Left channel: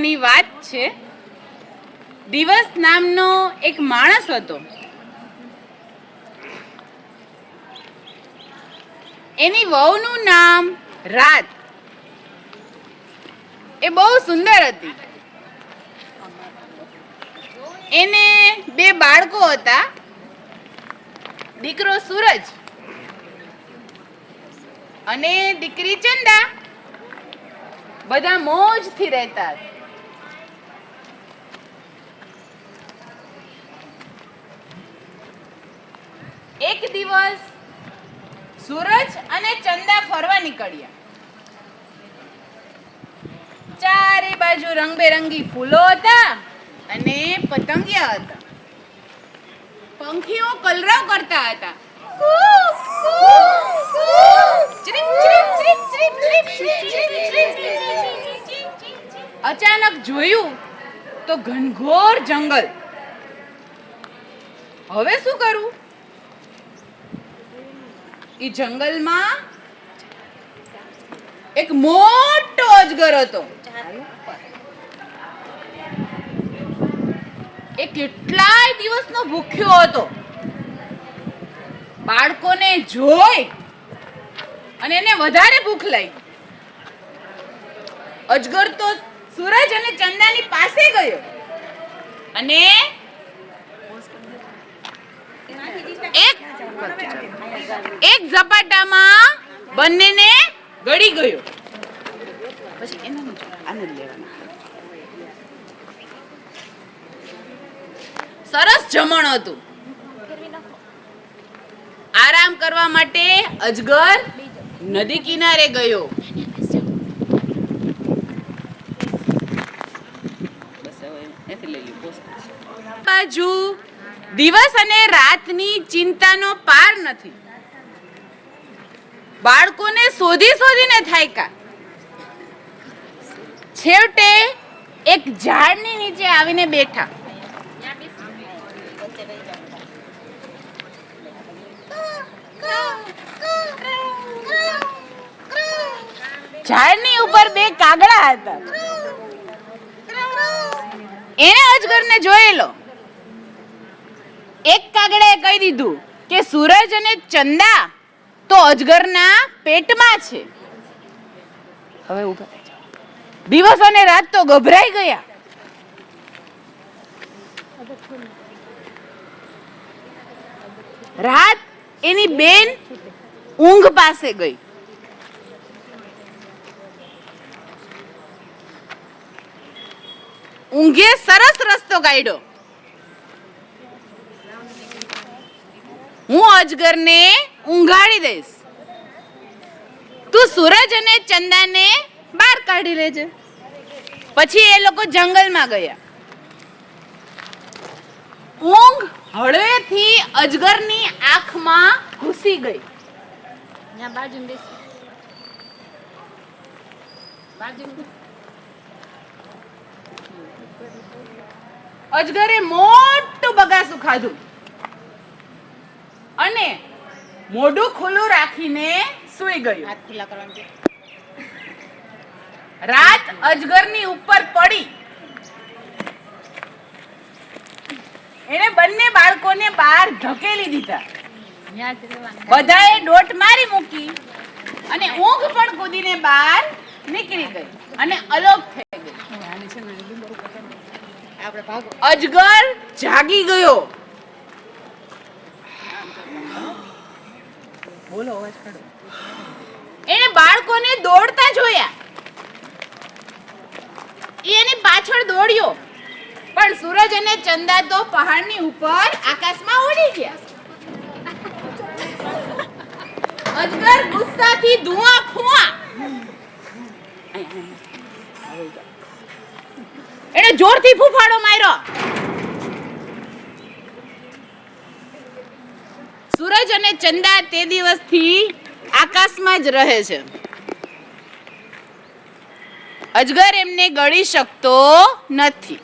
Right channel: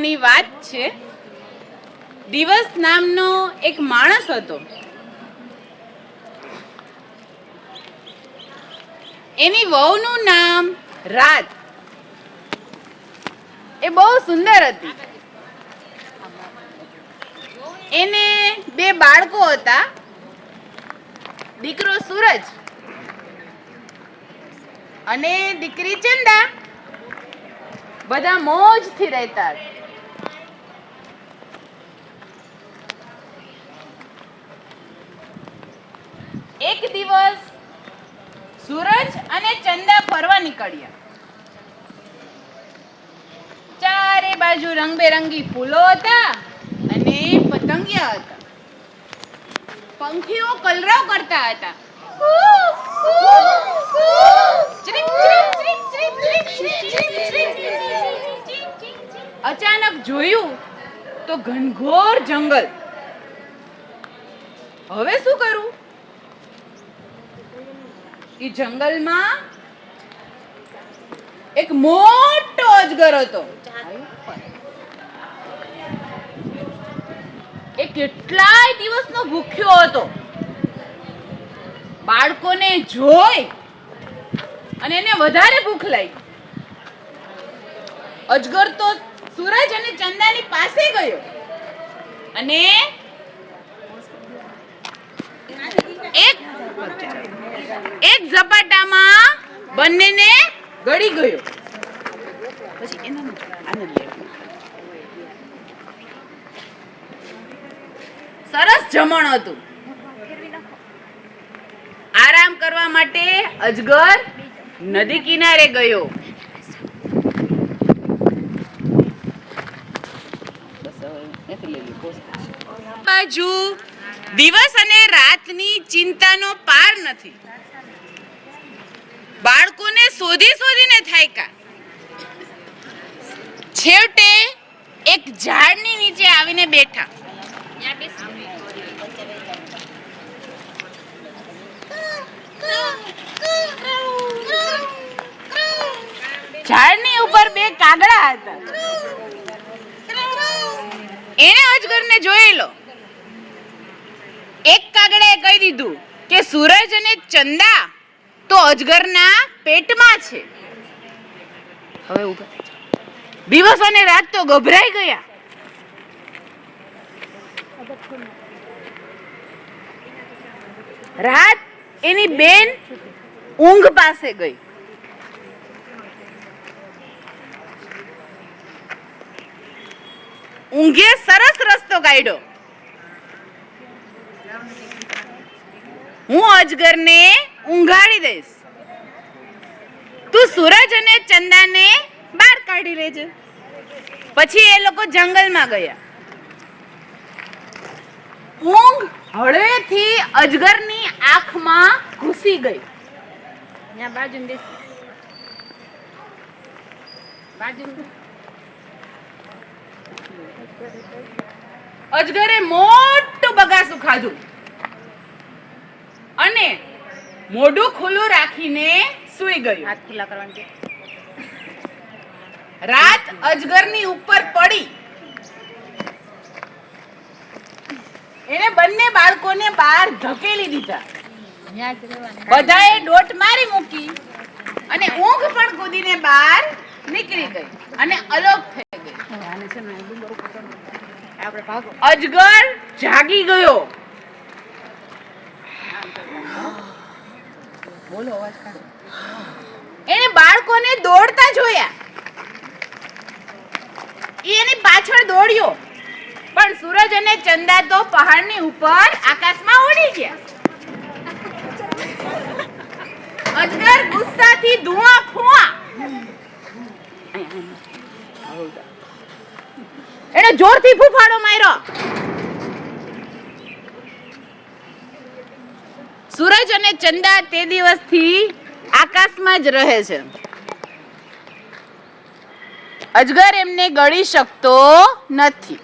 પહેલાની વાત છે. દિવસ નામનો એક માણસ હતો. એની વહુનું નામ રાત. એ બહુ સુંદર હતી. એને 2 બાળકો હતા, દીકરો સૂરજ અને દીકરી ચંદા. બધા મોજથી રહેતા. એક દિવસ સૂરજ અને ચંદા ફરવા નીકળ્યા. ચારે બાજુ રંગબેરંગી ફૂલો હતા અને પતંગિયા હતા. પંખીઓ કલરવ કરતા હતા. અચાનક જોયું તો ઘનઘોર જંગલ. હવે શું કરવું? એ જંગલમાં એક મોટો અજગર હતો. એ કેટલાય દિવસનો ભૂખ્યો હતો. બાળકોને જોઈ અને એને વધારે ભૂખ લાગી. અજગર તો સૂરજ અને ચંદાની પાસે ગયો અને એક ઝપાટામાં બંનેને ગળી ગયો. સરસ જમણ હતું. આરામ કરવા માટે અજગર નદી કિનારે ગયો. બાજુ દિવસ અને રાતની ચિંતાનો પાર નથી. બાળકોને શોધીને થાક્યા. છેવટે એક ઝાડની નીચે આવીને બેઠા. ઝાડની ઉપર 2 કાગડા હતા. એને અજગરને જોયેલો. એક કાગડાએ કહી દીધું કે સૂરજ અને ચંદા તો અજગરના પેટમાં છે. હવે ઊભા થઈ જાઓ. દિવસ અને રાત તો ગભરાઈ ગયા. રાત એની બેન ઊંઘ પાસે ગઈ. ઊંઘે સરસ રસ્તો કાઢ્યો. હું અજગરને ઊંઘાડી દઈશ. તું સૂરજ અને ચંદાને બહાર કાઢી લેજે. પછી એ લોકો જંગલમાં ગયા. ઊંઘ હળવેથી અજગરની આંખમાં ઘૂસી ગઈ. અજગરે મોટું બગાસું ખાધું અને મોઢું ખુલ્લું રાખીને સૂઈ ગયું. હાથ ખુલ્લા કરવાનું. રાત અજગરની ઉપર પડી. એને બંને બાળકોને બહાર ધકેલી દીધા. બધાએ દોટ મારી મૂકી અને ઊંઘ પણ કૂદીને બહાર નીકળી ગઈ અને અલોપ થઈ ગઈ. અજગર જાગી ગયો. બોલો, અવાજ કાઢો. એને બાળકોને દોડતા જોયા. એની પાછળ દોડ્યો, પણ સૂરજ અને ચંદા તો પહાડની ઉપર આકાશમાં ઉડી ગયા. અજગર ગુસ્સાથી ધુઆ ફુઆ. એને જોરથી ફૂફાડો માર્યો. સૂરજ અને ચંદા તે દિવસથી આકાશમાં જ રહે છે. અજગર એમને ગળી શકતો નથી.